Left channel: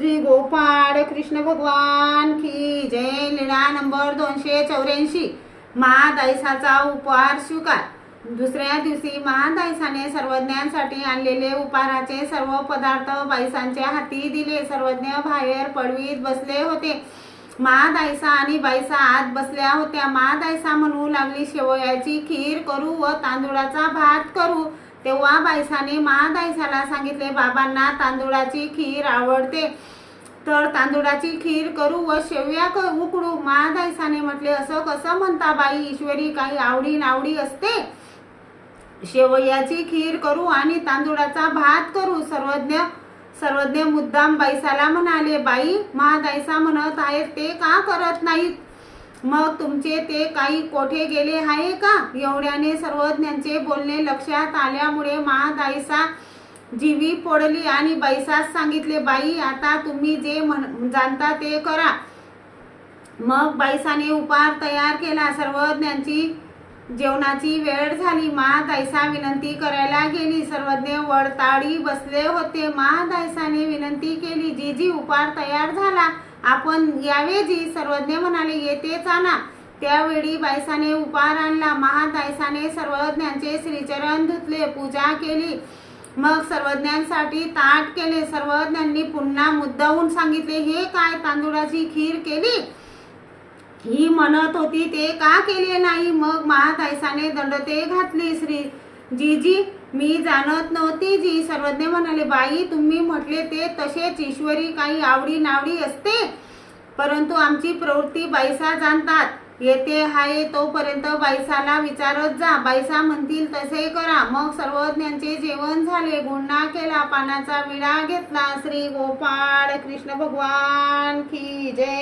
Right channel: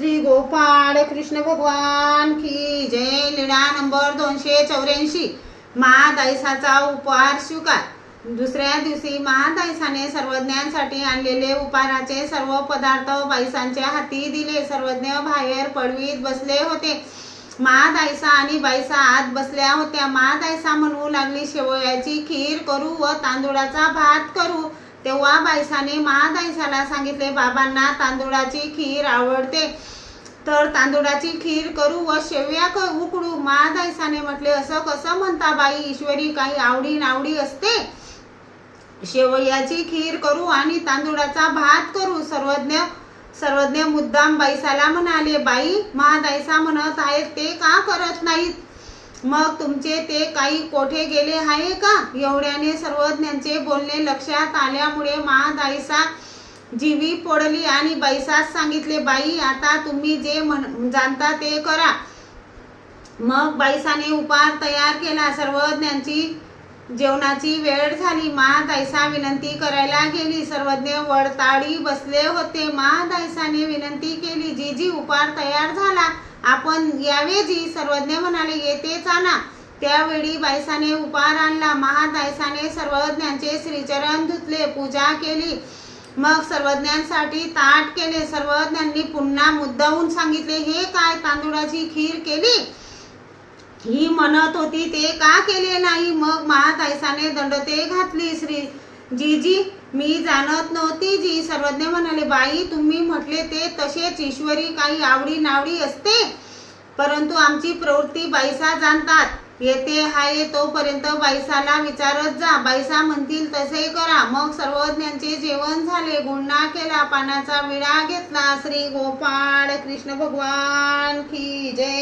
श्री गोपाळ कृष्ण भगवान की जय लीळा नंबर दोनशे चौऱ्याऐंशी. महादायसाचा उपहार स्वीकार. दुसऱ्या दिवशी महादायसाने सर्वज्ञांसाठी आणलेले उपहाराचे सर्व पदार्थ बाईसांच्या हाती दिले. सर्वज्ञ बाहेर पडवीत बसले होते. महादायसा आणि बाईसा आत बसल्या होत्या. महादायसा म्हणू लागली शेवयाची खीर करू व तांदुळाचा भात करू. तेव्हा बायसाने महादायसाला सांगितले बाबांना तांदुळाची खीर आवडते. तर तांदुळाची खीर करू व शेवया क उकडू. महादायसाने म्हटले असं कसं म्हणता बाई? ईश्वरी काही आवडी नावडी असते. शेवयाची खीर करू आणि तांदूळाचा भात करू. सर्वज्ञ सर्वज्ञ मुद्दाम बाईसाला म्हणाले बाई महादायसा म्हणत आहेत ते का करत नाहीत? मग तुमचे ते काही कोठे गेले आहे का? एवढ्याने सर्वज्ञांचे बोलणे लक्षात आल्यामुळे महादाईसा जीवी पडली आणि बैसास सांगितले बाई आता तुम्ही जे म्हण जाणता ते करा. मग बाईसाने उपहार तयार केला. सर्वज्ञांची जेवणाची वेळ झाली. महादायसा विनंती करायला गेली. सर्वज्ञ वडताळी बसले होते. महादायसाने विनंती केली जी जी उपहार तयार झाला. आपण यावे जी सर्वज्ञ म्हणाले येतेच आणा त्यावेळी बायसाने उपहार आणला. महादायसाने सर्वज्ञांचे श्रीचरण धुतले पूजा केली. मग सर्वज्ञांसाठी ताट केले. सर्वज्ञांनी पुन्हा मुद्दाहून सांगितले हे काय? तांदूळाची खीर केली? ही म्हणत होती ते का केले नाही? मग महाताईसाने दंडते घातली. श्री जीजी मी जाणत नव्हती जी. सर्वज्ञ म्हणाले बाई तुम्ही म्हटले ते तसेच. ईश्वरी काही आवडी नावडी असते परंतु आमची प्रवृत्ती बाईसा जाणतात. येते हाय तोपर्यंत बाईसाला विचारत जा. बाईसा म्हणतील तसे करा. मग सर्वज्ञांचे जेवण झाले. गुन्हा केला पानाचा विडा घेतला. श्री गोपाळ कृष्ण भगवान की जय.